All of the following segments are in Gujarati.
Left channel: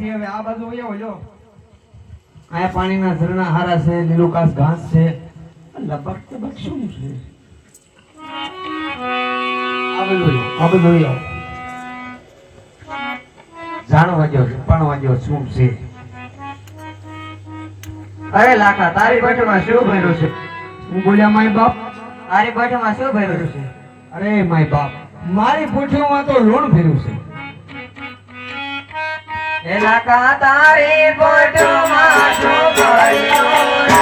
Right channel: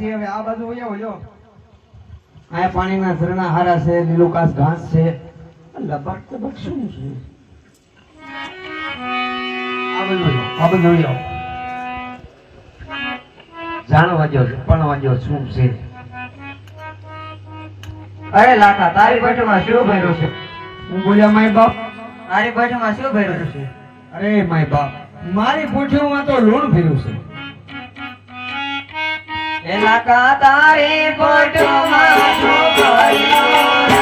પાછી હવે આ બાજુ વયા હોય આ પાણીના ઝરણા હારા છે, લીલુકાસ ઘાસ છે. લબક તબક શું છે? આ બધું વયો. જાણવા જો પણ જો શું છે? અરે લાખા, તારી પેટમાં શું ભર્યું છે? હું બોલ્યા માય બાપ, તારી પેટમાં શું ભર્યું છે? અરે માય બાપ, મારી પૂછ્યોમાં તો લોણ ફેર્યું છે. એ લાખા, તારી પેટમાં શું ભર્યું છે?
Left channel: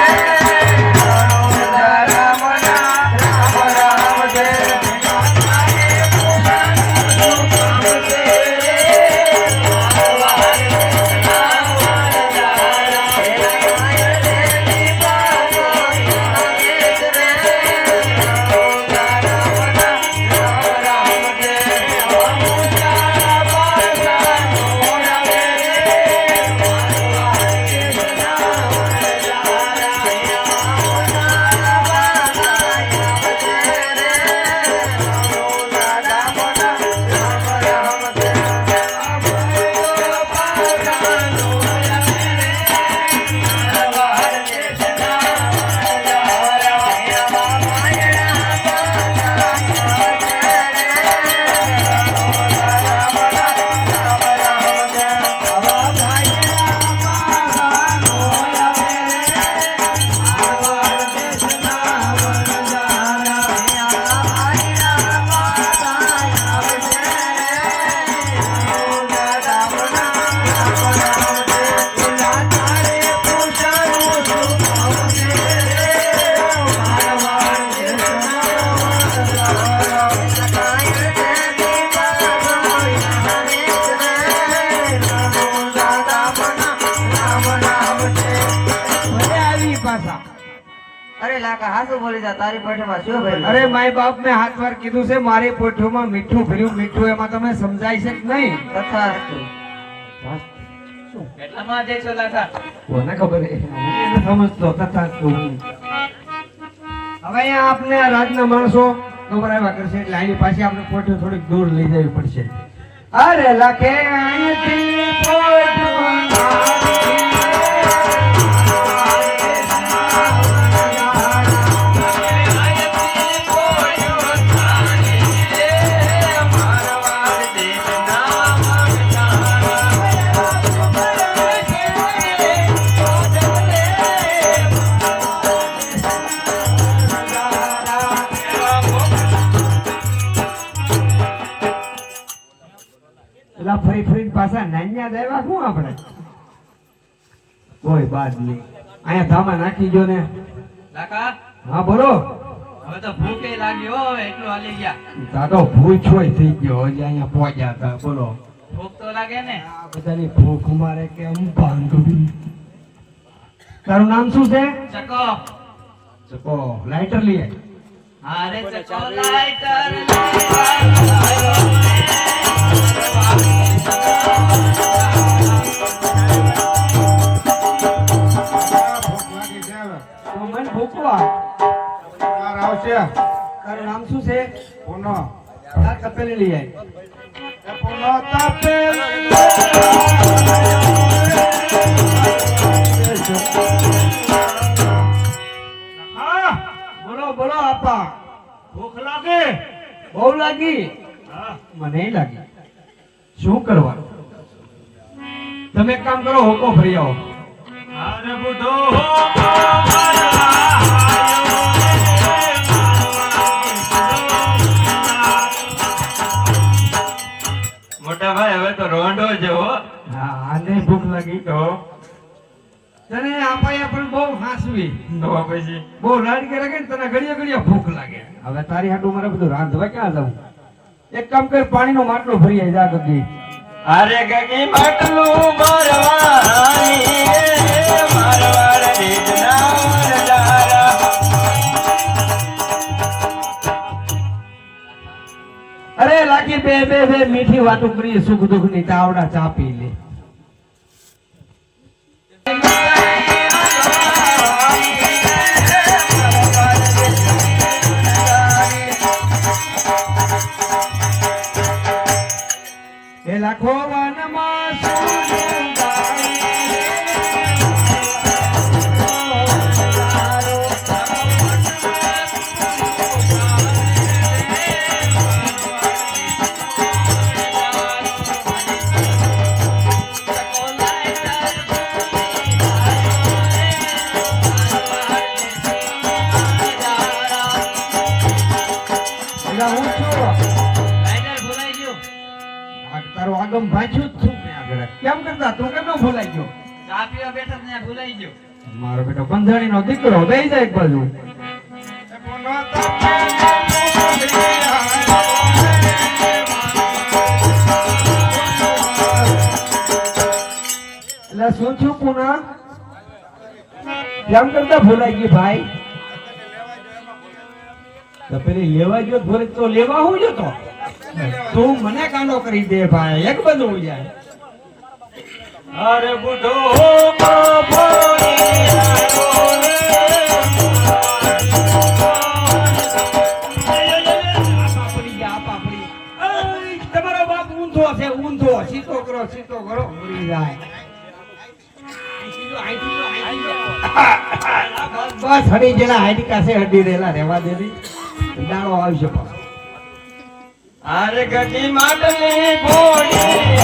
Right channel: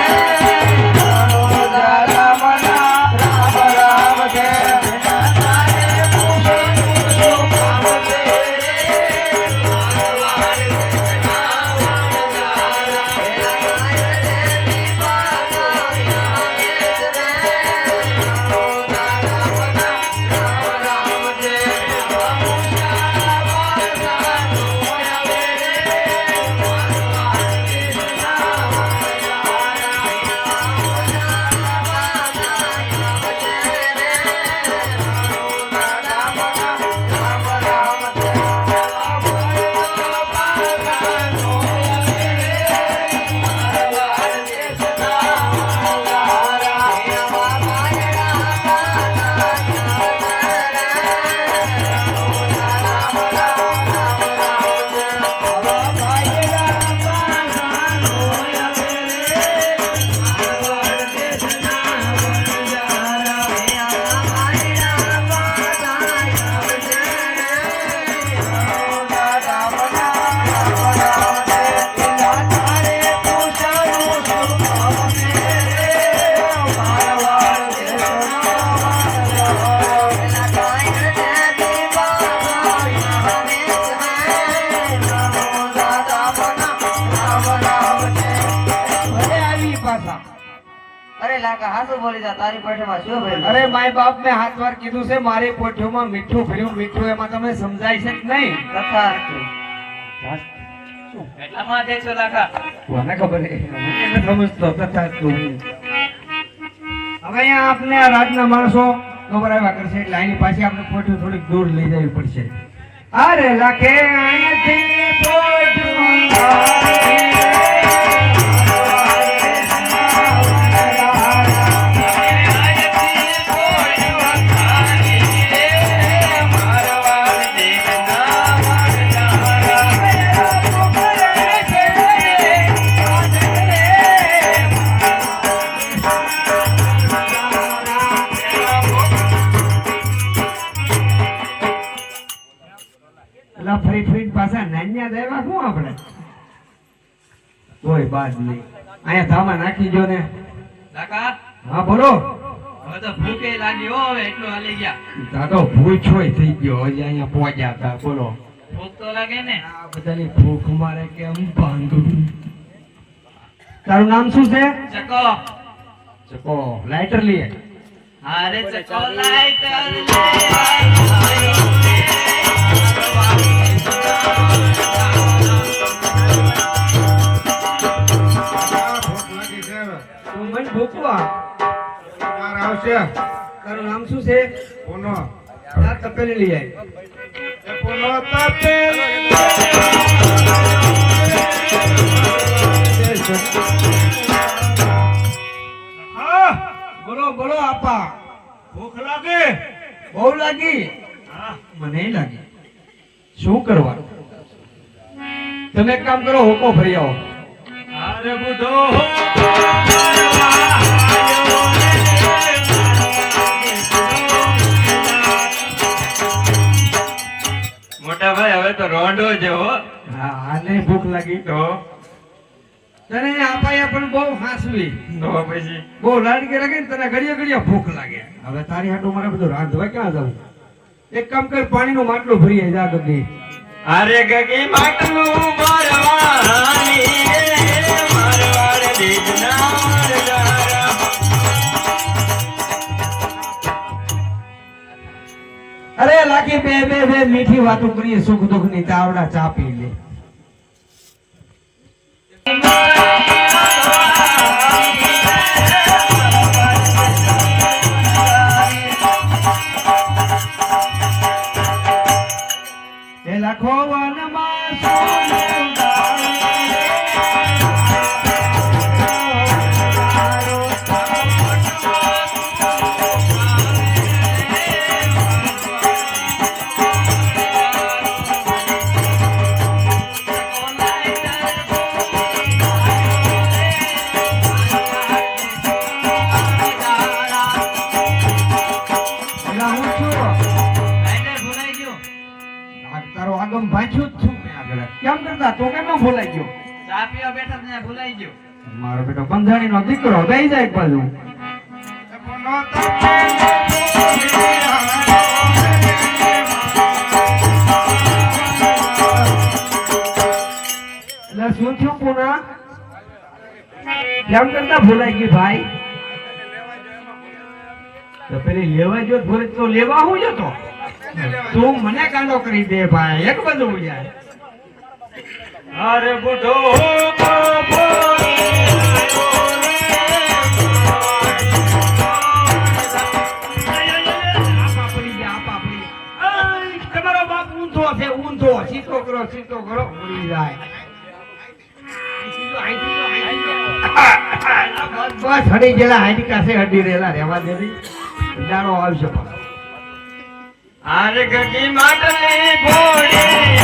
અરે માય બાપ, મેં હાથ વાર કીધું છે મારી પોઠીઓમાં મીઠું ફર્યું. મીઠું એમાં તમને સમજાય છે કે નહીં? કેટલામાં દેશો લાખા? કોને ખબર છે? હું સમજતો તથાસ્તુ. હવે અહીંયા આપણે આ રાજના માણસો ખબર આવ્યા કરશે એટલે આની પાસે આપણે પોઠીઓ થોડીક દૂર લઈ જવી પડશે. અરે લખે અહીંથી પોઠીઓ ફરી ફરી પાછા નાન્યા દેવા શું આપણે? કોઈ બાદ નહીં. અહીંયા ધામા નાખી જો ને. લાખા, હા બોલો. હવે તો ભૂખે લાગી હો, એટલું હાલી ગયા. તા તો ભૂખ હોય થઈ ગયો, હજી અહીંયા પહોંચ્યા હતા. બોલો. ભૂખ તો લાગે ને. આ બધાની ભૂખ મારે કેમ બાંધવી? તારું નામ શું છે? ચકો. ચકો. લાઇટર લે. અરે ચકો લાઈટર લે. તારું નામ શું છે? પોનો. તપેલી લઈ આવી. પોનો તપેલી. બોલો બોલો આપા. ભૂખ લાગે? બહુ લાગી? મને લાગી. શું કરવા? તમે એક કામ કરો, હોકો ફરી આવો. અરે બુધો મોટા ભાઈ, હવે તો રોંડો જેવો. આને ભૂખ લાગી તો તને આપાયા પણ બહુ હાસવી. તો પછી બહુ લાડકે લાગે ને તને ઘડીએ ઘડીએ ભૂખ લાગે. હવે તારી હાટું મારે બધું રાંધવા ક્યાં જવું? એક કામ કર, પાણીનું માટલું ભરી આવી જા ગગી. અરે ગગી માટલું ભરવાની મારવાડ દીધના વરદારા. અરે લાગી બે બે બે મીઠી વાતો કરીએ, સુખ દુઃખ ની તાવડા ચા પી લે. એ લાખો વનમાં આગમ ભાંચ્યું જ છું મેં આગળ. કેમ કરતા તું કેમ ન ભૂલાઈ ગયો? ચા પીવા બેઠા ત્યાં ભૂલાઈ ગયો. મારો બેટો બંધાણીનો દીકરો દઈ જાય એક બાજુ. એટલે શું થયું પુના? કેમ કરતા ભૂલાઈ ગઈ ભાઈ? તો પેલી લેવા ગયો ભૂલે તો લેવા હું જતો? તું મને કાંડો કરી દે ભાઈ, એક બધું જાય. અરે બુઢો તમારો બાપ ઊંધો છે, ઊંધો. સીધો કરો, સીધો કરો, ઉડી જાય. બસ હડી જેલા હાઈડી કાસે હડી રેલા રહેવા દે રી. દાડો આવશે પાછો. અરે ગગી માટલી ભોળી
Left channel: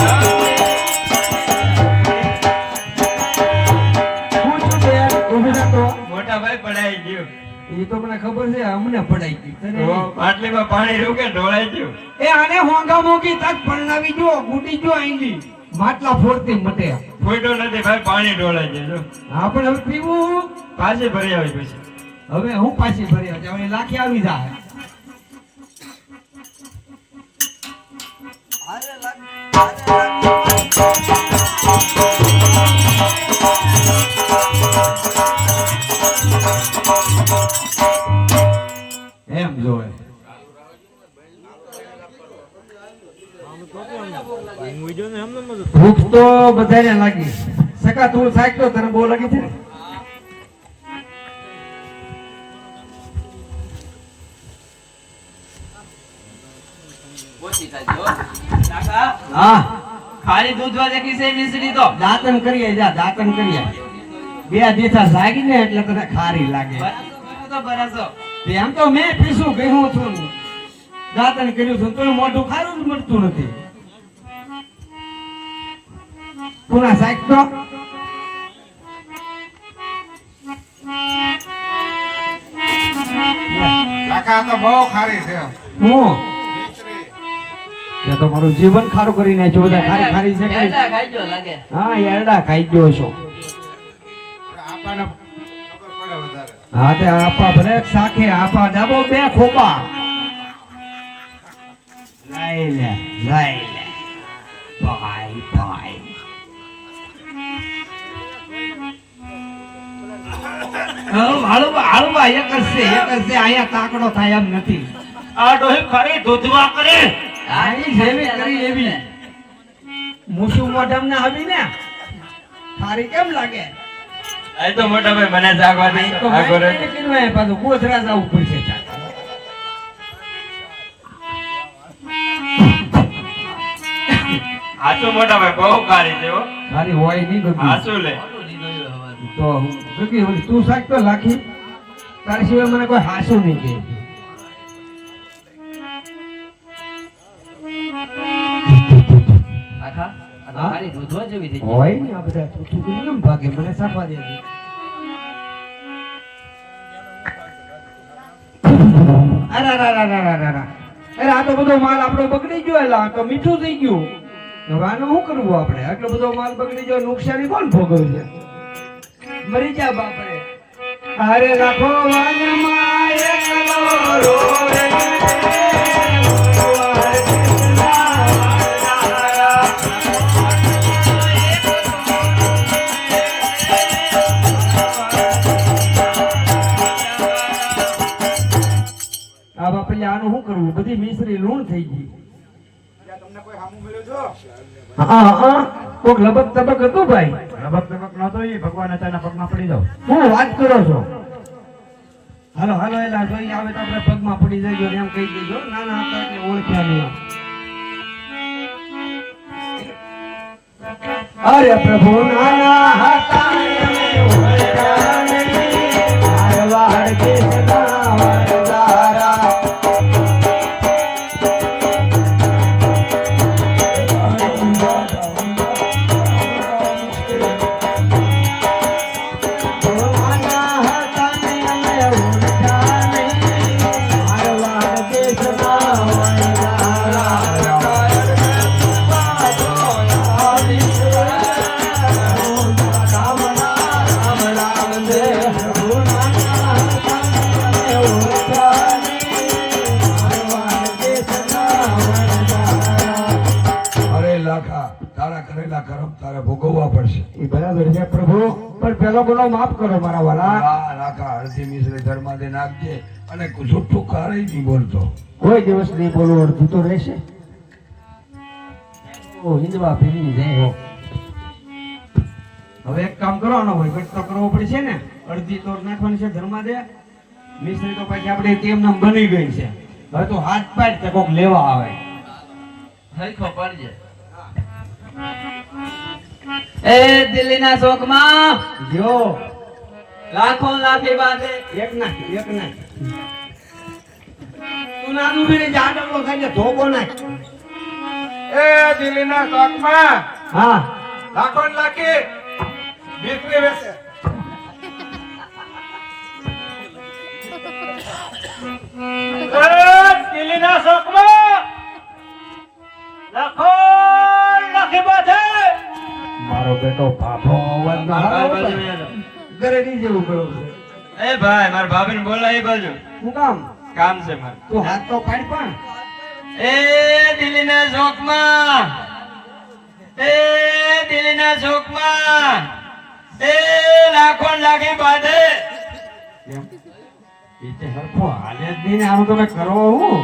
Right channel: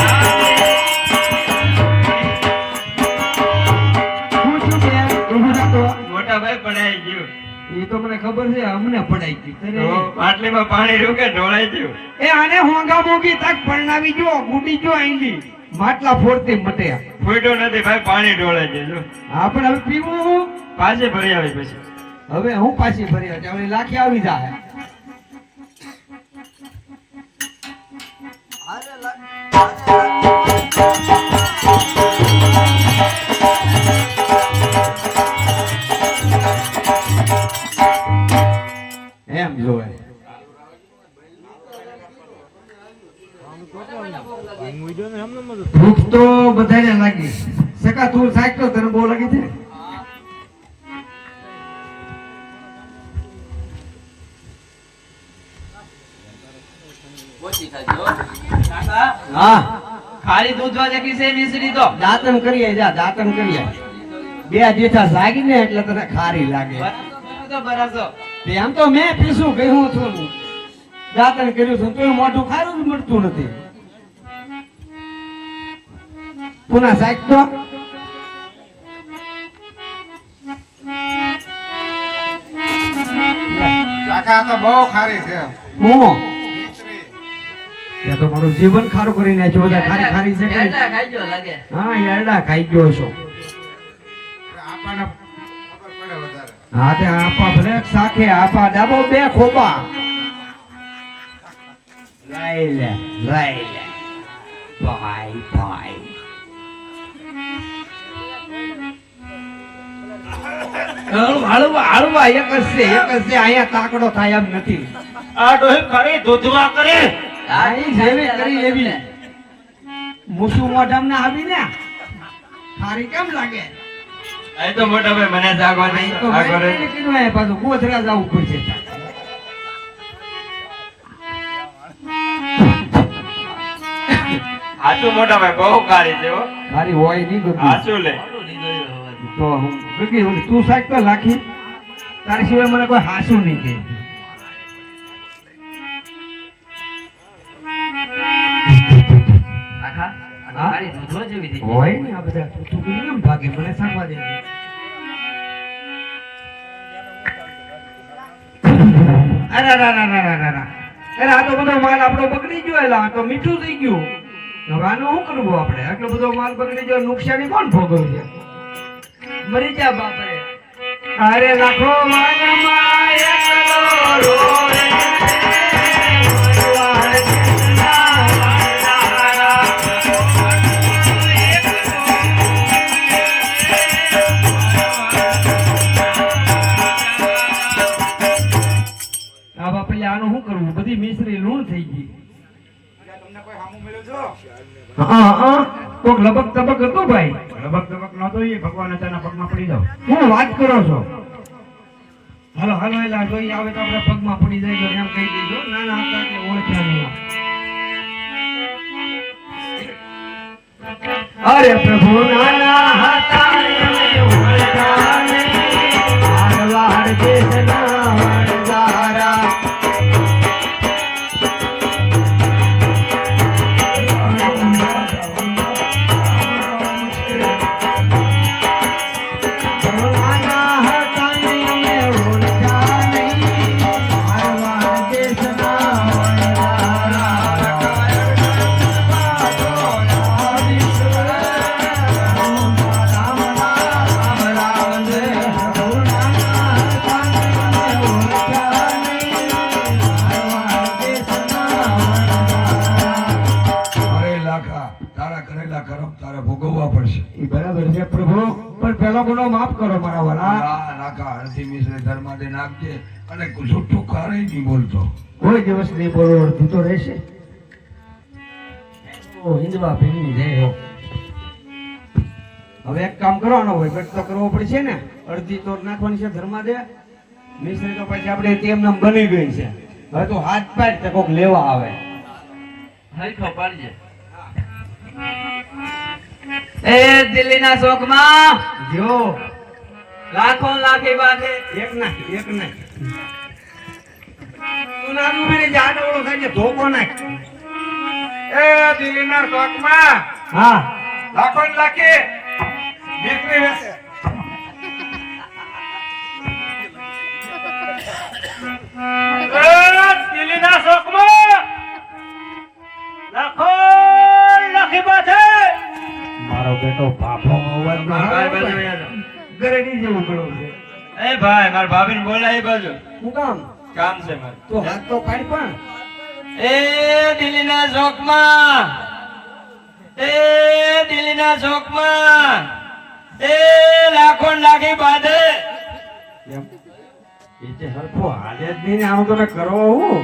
શું છું બે? ઊભું થા તો. મોટા ભાઈ પડાઈ ગયું. એ તો મને ખબર છે, અમને પડાઈ ગઈ. તો માટલીમાં પાણી રહ્યું કે ઢોળાઈ ગયું? એ આને હોંગા મોગી તક પરણાવી જો, ગુડી જો આઈલી. માટલા ફોડતી મટે. ફૂટો નથી ભાઈ, પાણી ઢોળાઈ ગયું. હા પણ હવે પીવું હું? પાછી ભરી આવી પછી. હવે હું પાછી ફરી હવે લાખી આવી જાય. એમ જોવે ભૂખ તો બધાને લાગી. સકા તું સાક તો તને બહુ લાગી છે ને? ઓછી ખાજો. કાકા હા ખાલી દૂધ વાળે કી છે મિશ્રી તો દાંતણ કરીએ જા, દાંતણ કરીએ. બે જેઠા જાગી ને એટલે તને ખારી લાગે. તો બરાસો એમ તો મેં પીસું કહ્યું છું, દાંતણ કર્યું છું, તો મોઢું ખારું જ મળતું નથી. પુના સાહેબ તો કાકા તો બહુ ખારી છે. હું એ તો મારું જીવન ખારું કરી નાખ્યું. બધા ખારી ખારી છે કે? એટલા ખાઈજો લાગે. હા એરડા ખાઈ ગયો છો. આપણને ખબર પડે વધારે. હા તે આપા ભલે સાખે આપા ડાબો બે ખોપા લઈ લે ભાઈ ભાઈ. હળવા એક જ છે, અહીંયા તાકડો થાય એમ નથી. આ ડોહી ખરી દૂધવા કરે. આની જેવી કરી એવી મૂસું મોઢામ ના આવી ને થારી કેમ લાગે? એ તો મોટા ભાઈ મને જાગવા દે. તો આગળ રે. માઇન્ડ કરવાય પાછું ગોધરા જવું પડશે. હાચું મોટા ભાઈ બહુ કાળી છે હો. મારી હોય નહીં બધું. હાચું લે. તો ગગી ઓલી તું સાક તો લાખી, તારી સિવાય મને કોઈ હાસું નહીં કે. કાકા આ તો ખાલી દૂધ જેવી થઈ ગઈ. હોય ને આ બધા પૂછું કરી કેમ ભાગે? મને સાંભળવા દે. અરે આ તો બધો માલ આપણો બગડી ગયો. એલા આ તો મીઠું થઈ ગયું. હવે આનું શું કરવું આપણે? આટલો બધો માલ બગડી ગયો, નુકસાની કોણ ભોગવવું છે? મરી જા બાપરે. અરે રાખો વાનમાં એકલો રોવે. આ બાપલે આનું શું કરવું? બધી મિશ્રી લૂણ થઈ ગઈ. તમને કોઈ હામું મળ્યું છો? કોક લબક તબક હતું ભાઈ. લબક તબક નહોતો, એ ભગવાન અચાનક પગમાં પડી જાવ. હું વાત કરો છો? હાલો હાલો એલા જોઈ આવે તો આપણે પગમાં પડી જાય એમ કહી દેજો. નાના હતા એટલે ઓળખ્યા નહીં. અરે પ્રભુ નાના હતા ને ઓળખ્યા નહીં. મારવાડ દેશના વણજારા. કરો મારા વાલા. આ નાખા અડધી મિશ્રી ઘરમાં દે નાખજે અને જુઠ્ઠું કારે નહીં બોલતો. કોઈ દિવસ નહીં બોલો, અડધી તો રહેશે. ઓ હિંદવા ભીની જય હો. હવે એક કામ કરો, આનો વહીવટ તો કરવો પડશે ને. અડધી તો નાખવાની છે ધર્મા દે, મિશ્રી તો પછી આપણે કેમ નામ બની ગઈ છે. હવે તો હાથ પાડ કે કોક લેવા આવે. હરખો પાડજે. એ દિલ્હીના શોકમાં જો લાખો ને લાખી બાંધે. એક નાખ, એક નાખ. તું નાનું મને જાડવડો થાય છે, ધોકો નાખ. એ દિલ્હીના શોખમાં હા લાખો ને લાખી દીકરી વેચે. એ દિલ્હીના શોખમાં લાખો લાખી બાંધે. મારો બેટો ભાભો અવાજ ના ભાઈ આવે બાજુ ભાઈ. આવ્યો. ગરેડી જેવું કરો છે. એ ભાઈ મારા ભાભીને બોલાય એ બાજુ શું કામ? કામ છે મારે. તું હાથ તો પાડ પણ. એ દિલ્હીના ચોકમાં, એ દિલ્હીના ચોકમાં, એ લાખો ને લાખી બાંધે. એમ. એ તે હરખો હાલે જ નહીં ને આનું તમે કરો હું